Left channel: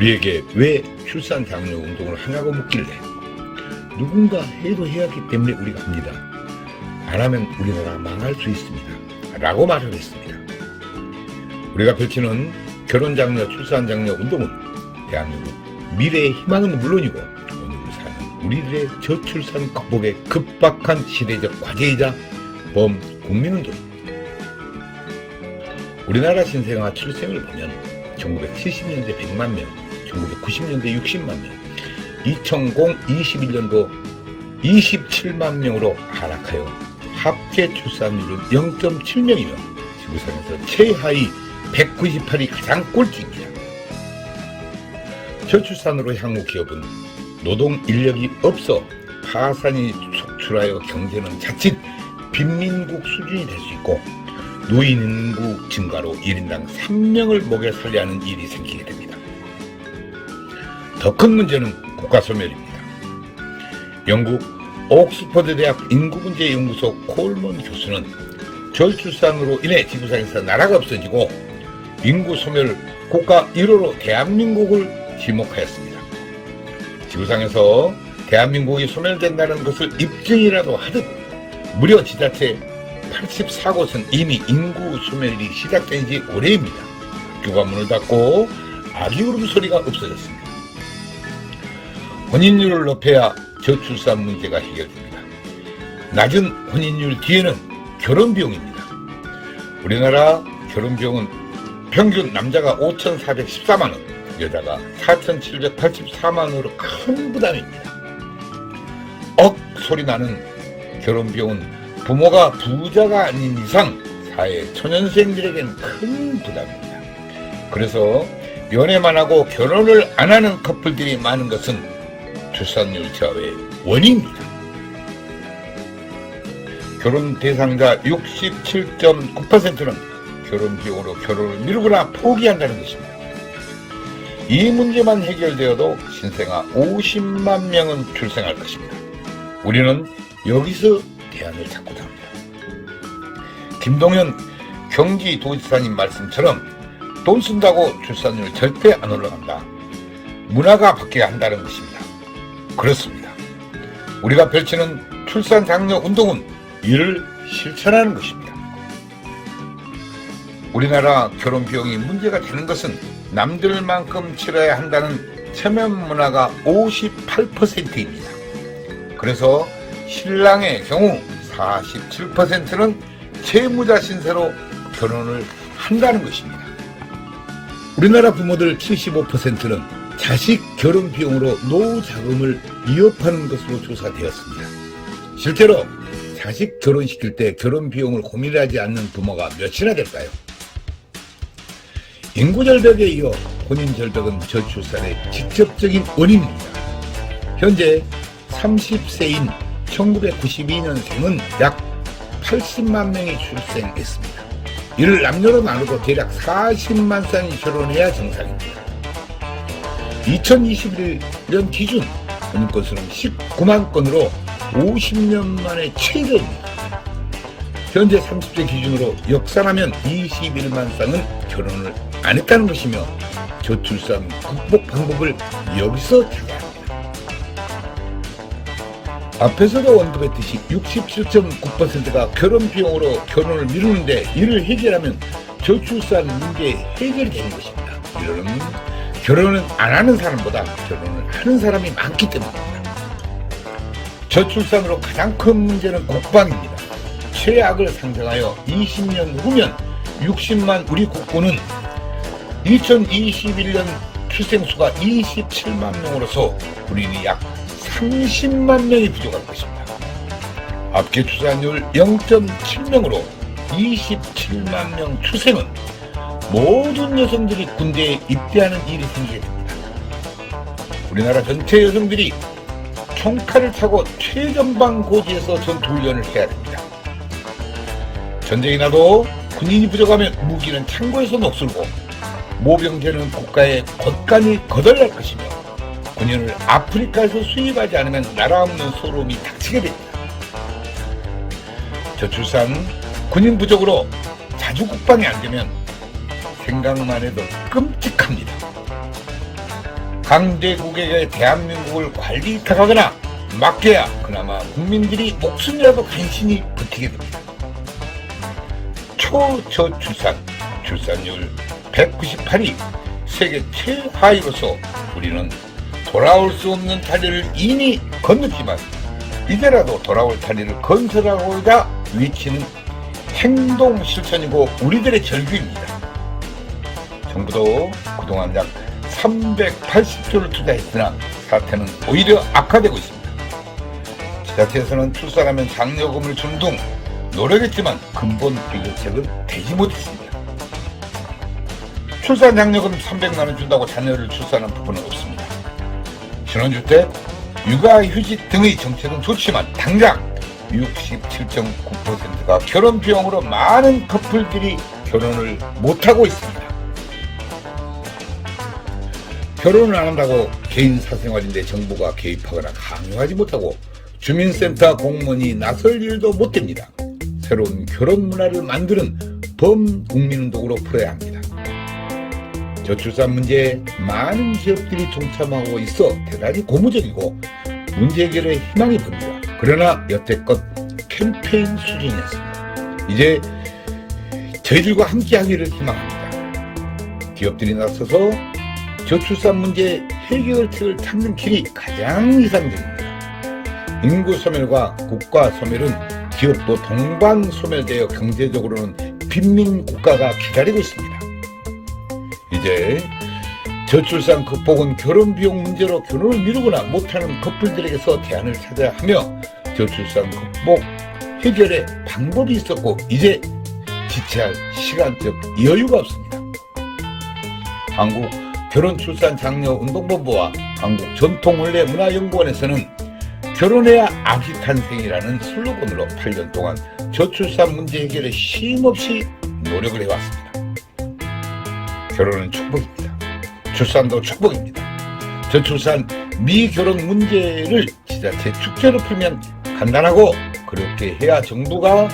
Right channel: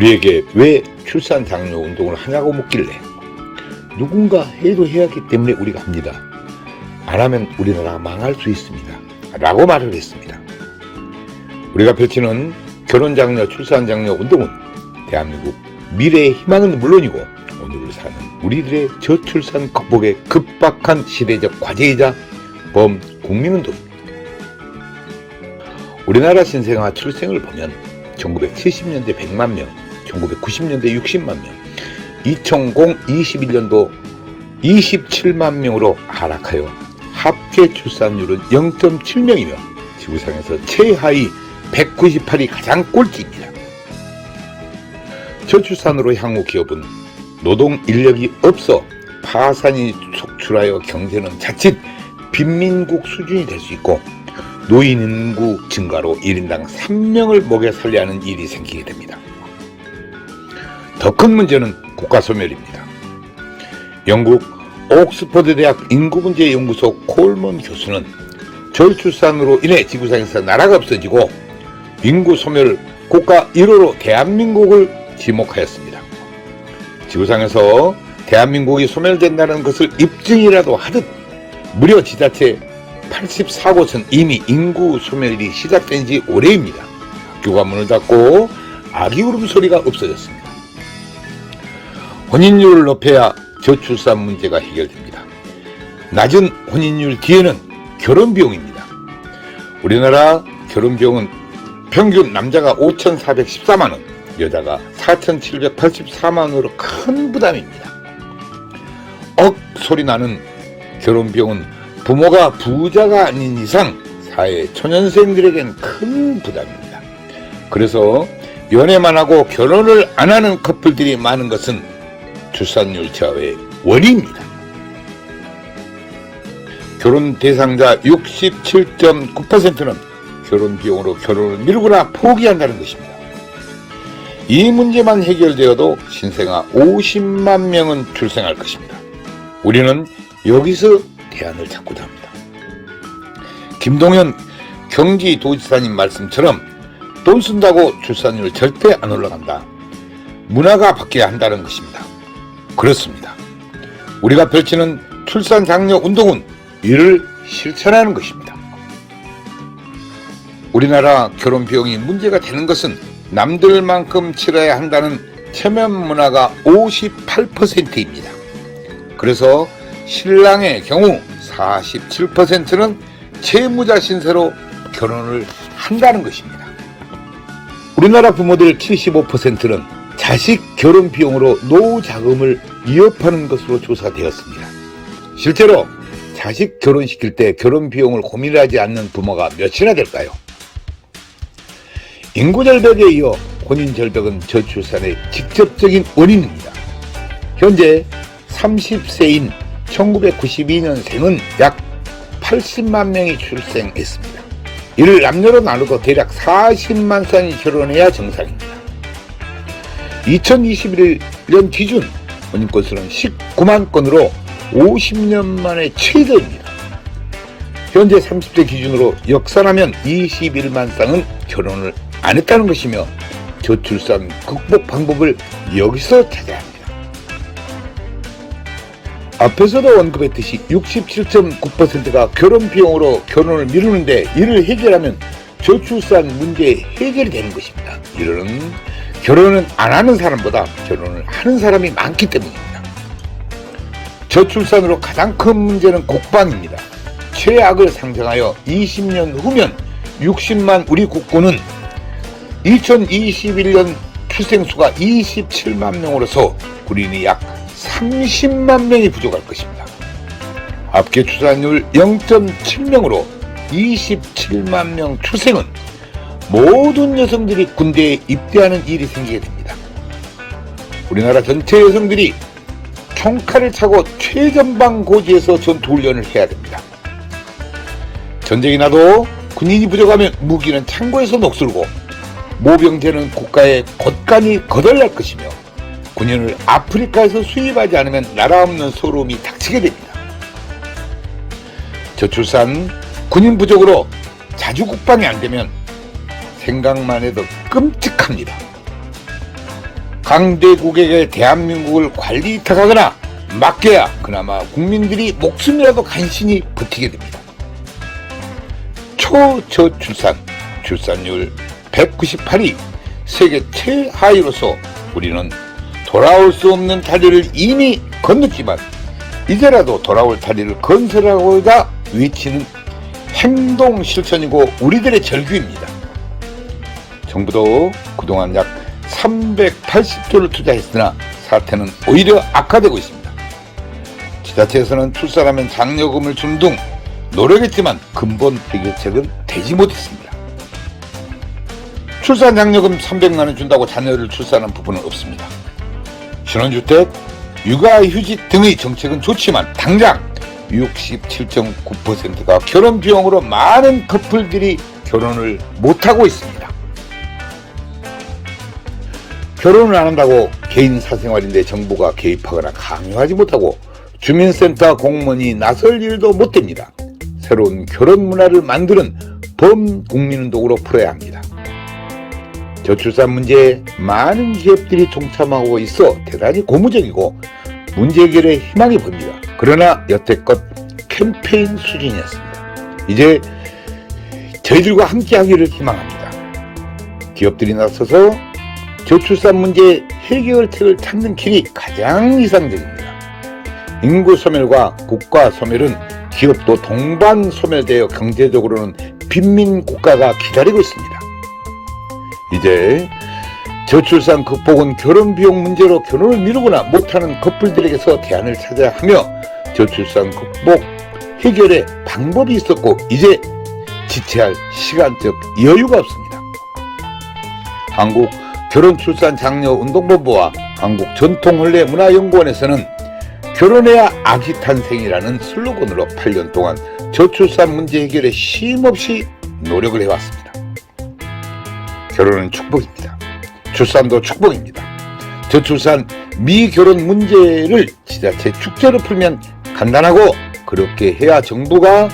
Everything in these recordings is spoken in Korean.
우리에게 왜 출산 장려 운동을 하냐고 묻길래 누군가 해도 해야 하기 때문에 우리가 합니다. 안 하면 우리나라가 망할 수 있습니다. 라고 말을 했습니다. 우리가 펼치는 결혼 장려, 출산 장려 운동은 대한민국 미래의 희망은 물론이고 오늘 사는 우리들의 저출산 극복에 급박한 시대적 과제이자 범국민운동입니다. 우리나라 신생아 출생을 보면 1970년대 100만 명, 1990년대 60만 명, 2021년도 27만 명으로 하락하여 합계 출산율은 0.7명이며 지구상에서 최하위 198이 가장 꼴찌입니다. 저출산으로 향후 기업은 노동 인력이 없어 파산이 속출하여 경제는 자칫 빈민국 수준이 될 수 있고 노인 인구 증가로 1인당 3명을 먹여 살려야 하는 일이 생기게 됩니다. 더 큰 문제는 국가 소멸입니다. 영국 옥스퍼드 대학 인구문제연구소 콜먼 교수는 저출산으로 인해 지구상에서 나라가 없어지고 인구 소멸 국가 1호로 대한민국을 지목하였습니다. 지구상에서 대한민국이 소멸된다는 것을 입증이라도 하듯 무려 지자체 84곳은 이미 인구 소멸이 시작된 지 오래입니다. 학교가 문을 닫고 아기 울음소리가 없어졌습니다. 혼인율을 높여야 저출산 문제가 해결됩니다. 낮은 혼인율 뒤에는 결혼비용입니다. 우리나라 결혼비용은 평균 남자가 5,414만원, 여자가 4,784만원으로 큰 부담입니다. 소리 나는 결혼비용은 부모가 부자가 아닌 이상 사회 초년생들에겐 큰 부담입니다. 그래서 연애만 하고 결혼을 안 하는 커플들이 많은 것은 출산율 저하의 원인입니다. 결혼 대상자 67.9%는 결혼 비용으로 결혼을 미루거나 포기한다는 것입니다. 이 문제만 해결되어도 신생아 50만 명은 출생할 것입니다. 우리는 여기서 대안을 찾고자 합니다. 김동연 경기도지사님 말씀처럼 돈 쓴다고 출산율 절대 안 올라간다. 문화가 바뀌어야 한다는 것입니다. 그렇습니다. 우리가 펼치는 출산 장려 운동은 이를 실천하는 것입니다. 우리나라 결혼 비용이 문제가 되는 것은 남들만큼 치러야 한다는 체면 문화가 58%입니다. 그래서 신랑의 경우 47%는 채무자 신세로 결혼을 한다는 것입니다. 우리나라 부모들 75%는 자식 결혼 비용으로 노후 자금을 위협하는 것으로 조사되었습니다. 실제로 자식 결혼시킬 때 결혼 비용을 고민하지 않는 부모가 몇이나 될까요? 인구 절벽에 이어 혼인 절벽은 저출산의 직접적인 원인입니다. 현재 30세인 1992년생은 약 80만 명이 출생했습니다. 이를 남녀로 나누고 대략 40만 쌍이 결혼해야 정상입니다. 2021년 기준 혼인 건수는 19만 건으로 50년 만에 최저입니다. 현재 30세 기준으로 역산하면 21만 쌍은 결혼을 안 했다는 것이며 저출산 극복 방법을 여기서 찾아야 합니다. 앞에서도 언급했듯이 67.9%가 결혼 비용으로 결혼을 미루는데 이를 해결하면 저출산 문제 해결이 되는 것입니다. 이는 결혼은 안 하는 사람보다 결혼을 하는 사람이 많기 때문입니다. 저출산으로 가장 큰 문제는 국방입니다. 최악을 상정하여 20년 후면 60만 우리 국군은 2021년 출생수가 27만 명으로서 우리는 약 30만 명이 부족할 것입니다. 합계 출산율 0.7명으로 27만 명 출생은 모든 여성들이 군대에 입대하는 일이 생기게 됩니다. 우리나라 전체 여성들이 총칼을 차고 최전방 고지에서 전투훈련을 해야 됩니다. 전쟁이 나도 군인이 부족하면 무기는 창고에서 녹슬고 모병제는 국가에 곳간이 거덜날 것이며 군인을 아프리카에서 수입하지 않으면 나라 없는 소름이 닥치게 됩니다. 저출산, 군인 부족으로 자주 국방이 안 되면 생각만 해도 끔찍합니다. 강대국에게 대한민국을 관리 위탁하거나 맡겨야 그나마 국민들이 목숨이라도 간신히 버티게 됩니다. 초저출산, 출산율 198위, 세계 최하위로서 우리는 돌아올 수 없는 다리를 이미 건넜지만 이제라도 돌아올 다리를 건설하고자 외치는 행동 실천이고 우리들의 절규입니다. 정부도 그동안 약 380조를 투자했으나 사태는 오히려 악화되고 있습니다. 지자체에서는 출산하면 장려금을 준 등 노력했지만 근본 해결책은 되지 못했습니다. 출산 장려금 300만 원 준다고 자녀를 출산하는 부분은 없습니다. 신혼주택, 육아휴직 등의 정책은 좋지만 당장 67.9%가 결혼 비용으로 많은 커플들이 결혼을 못하고 있습니다. 결혼을 안 한다고 개인 사생활인데 정부가 개입하거나 강요하지 못하고 주민센터 공무원이 나설 일도 못 됩니다. 새로운 결혼 문화를 만드는 범국민운동으로 풀어야 합니다. 저출산 문제에 많은 기업들이 동참하고 있어 대단히 고무적이고 문제 해결에 희망이 보입니다. 그러나 여태껏 캠페인 수준이었습니다. 이제 저희들과 함께하기를 희망합니다. 기업들이 나서서 저출산 문제 해결책을 찾는 길이 가장 이상적입니다. 인구 소멸과 국가 소멸은 기업도 동반 소멸되어 경제적으로는 빈민 국가가 기다리고 있습니다. 이제 저출산 극복은 결혼 비용 문제로 결혼을 미루거나 못하는 커플들에게서 대안을 찾아야 하며 저출산 극복 해결의 방법이 있었고 이제 지체할 시간적 여유가 없습니다. 한국 결혼출산장려운동본부와 한국전통혼례문화연구원에서는 결혼해야 아기 탄생이라는 슬로건으로 8년 동안 저출산 문제 해결에 쉼없이 노력을 해왔습니다. 결혼은 축복입니다. 출산도 축복입니다. 저출산 미결혼 문제를 지자체 축제로 풀면 간단하고 그렇게 해야 정부가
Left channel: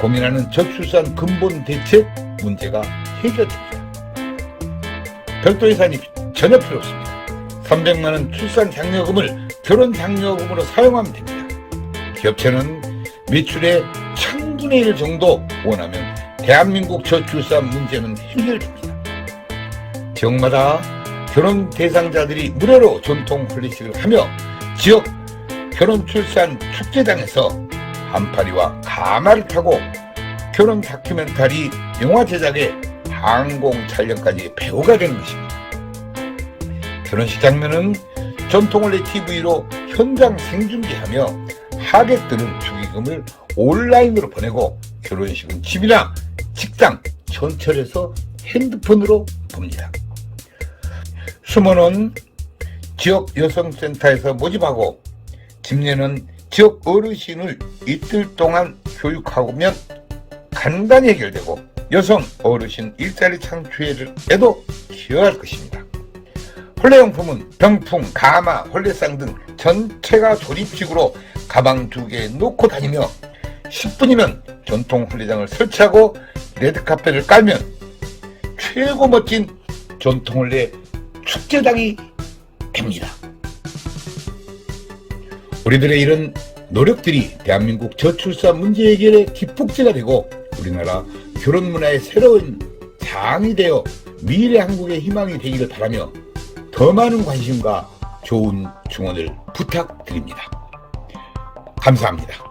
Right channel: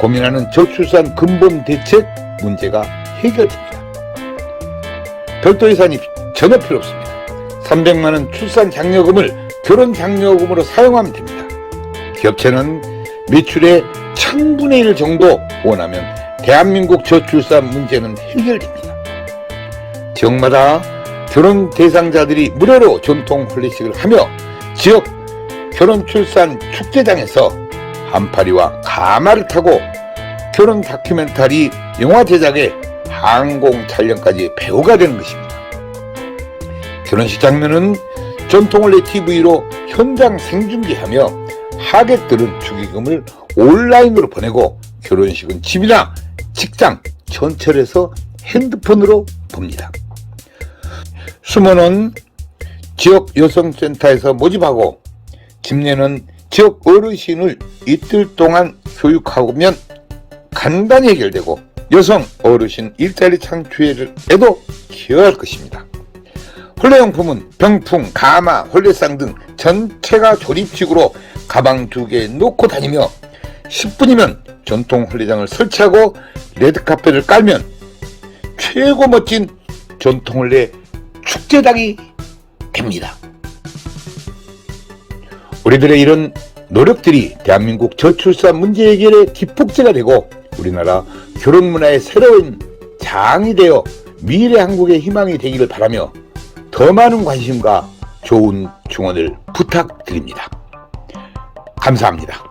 고민하는 저출산 근본 대책 문제가 해결됩니다. 별도 예산이 전혀 필요 없습니다. 300만 원 출산 장려금을 결혼 장려금으로 사용하면 됩니다. 기업체는 매출의 1000분의 1 정도 원하면 대한민국 저출산 문제는 해결됩니다. 지역마다 결혼 대상자들이 무료로 전통婚礼식을 하며 지역 결혼 출산 축제장에서 한파리와 가마를 타고 결혼 다큐멘터리 영화 제작에 항공 촬영까지 배우가 되는 것입니다. 결혼식 장면은 전통혼례 TV로 현장 생중계하며 하객들은 축의금을 온라인으로 보내고 결혼식은 집이나 직장, 전철에서 핸드폰으로 봅니다. 수모는 지역 여성센터에서 모집하고 집례는 지역 어르신을 이틀 동안 교육하면 간단히 해결되고 여성 어르신 일자리 창출에도 기여할 것입니다. 혼례용품은 병풍, 가마, 혼례상 등 전체가 조립식으로 가방 2개 놓고 다니며 10분이면 전통 혼례장을 설치하고 레드카펫을 깔면 최고 멋진 전통 혼례 축제장이 됩니다. 우리들의 이런 노력들이 대한민국 저출산 문제 해결의 기폭제가 되고 우리나라 결혼 문화의 새로운 장이 되어 미래 한국의 희망이 되기를 바라며 더 많은 관심과 좋은 증언을 부탁드립니다. 감사합니다.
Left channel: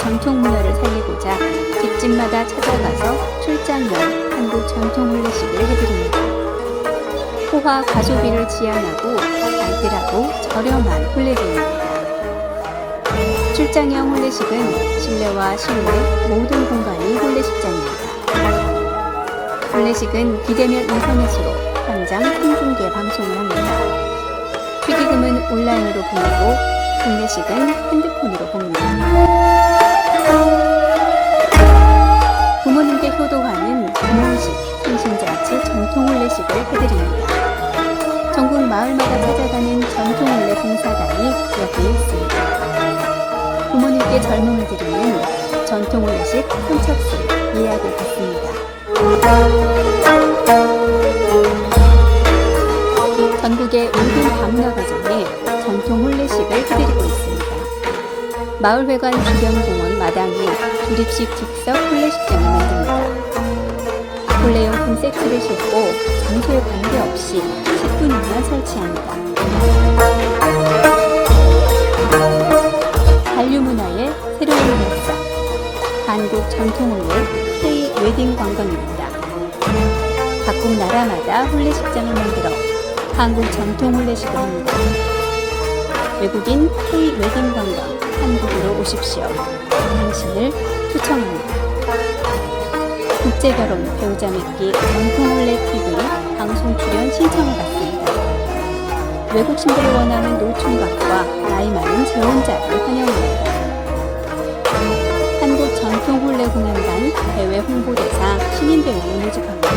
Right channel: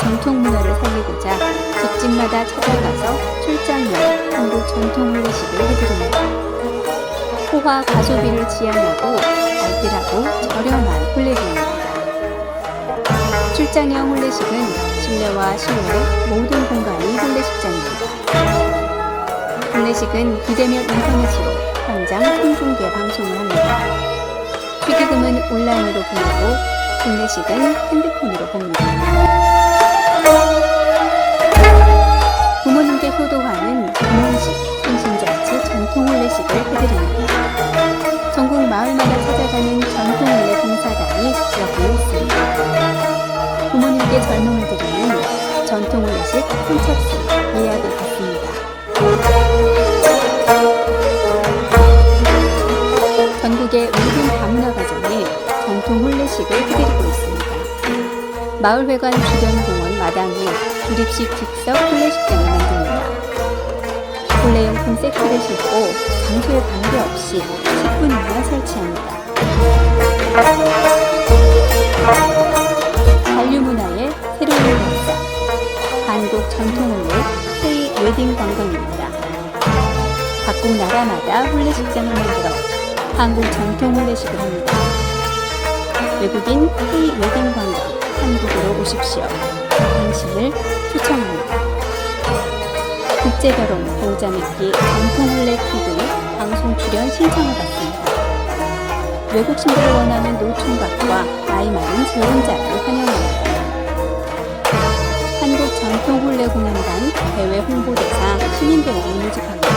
전통 문화를 살리고자 집집마다 찾아가서 출장용 한국 전통 혼례식을 해드립니다. 호화 가소비를 지향하고 알뜰하고 저렴한 혼례비입니다. 출장형 혼례식은 실내와 실외 모든 공간이 혼례식장입니다. 혼례식은 비대면 인터넷으로 현장 생중계 방송을 합니다. 축의금은 온라인으로 보내고 혼례식은 핸드폰으로 봅니다. 부모님께 효도하는 부모식, 생신잔치 전통 혼례식을 해드립니다. 전국 마을마다 찾아가는 전통 혼례 봉사단이 여기에 있습니다. 부모님께 젊음을 드리는 전통 혼례식 선착순 예약을 받습니다. 전국의 모든 다문화 가정에 전통 혼례식을 해드리고 있습니다. 마을회관 주변 공원 마당에 조립식 즉석 혼례식장을 만듭니다. 혼례용품 세트를 싣고 장소에 관계없이 10분이면 설치합니다. 한류문화의 새로운 역사, 한국 전통혼례 K-웨딩 관광입니다. 각국 나라마다 혼례식장을 만들어 한국 전통 혼례식을 합니다. 외국인 K-웨딩 관광 한국으로 오십시오. 당신을 초청합니다. 국제결혼 배우자 맺기 전통 혼례 TV 방송 출연 신청을 받습니다. 외국 신부를 원하는 노총각과 나이 많은 재혼자를 환영합니다. 한국 전통 혼례 공연단 대외 홍보대사 시민배우를 모집합니다.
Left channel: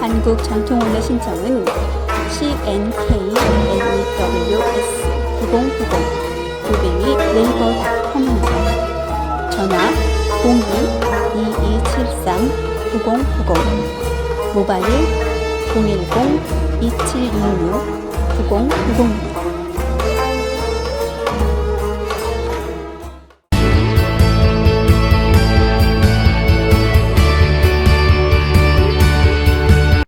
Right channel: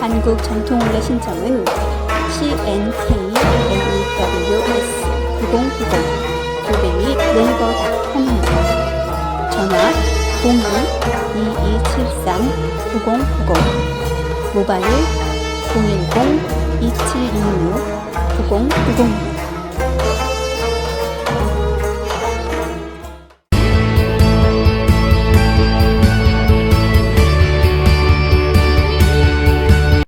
한국 전통 혼례 신청은 CNKNEWS 9090 네이버닷컴입니다. 전화 02-2273-9090 모바일 010-2766-9090입니다.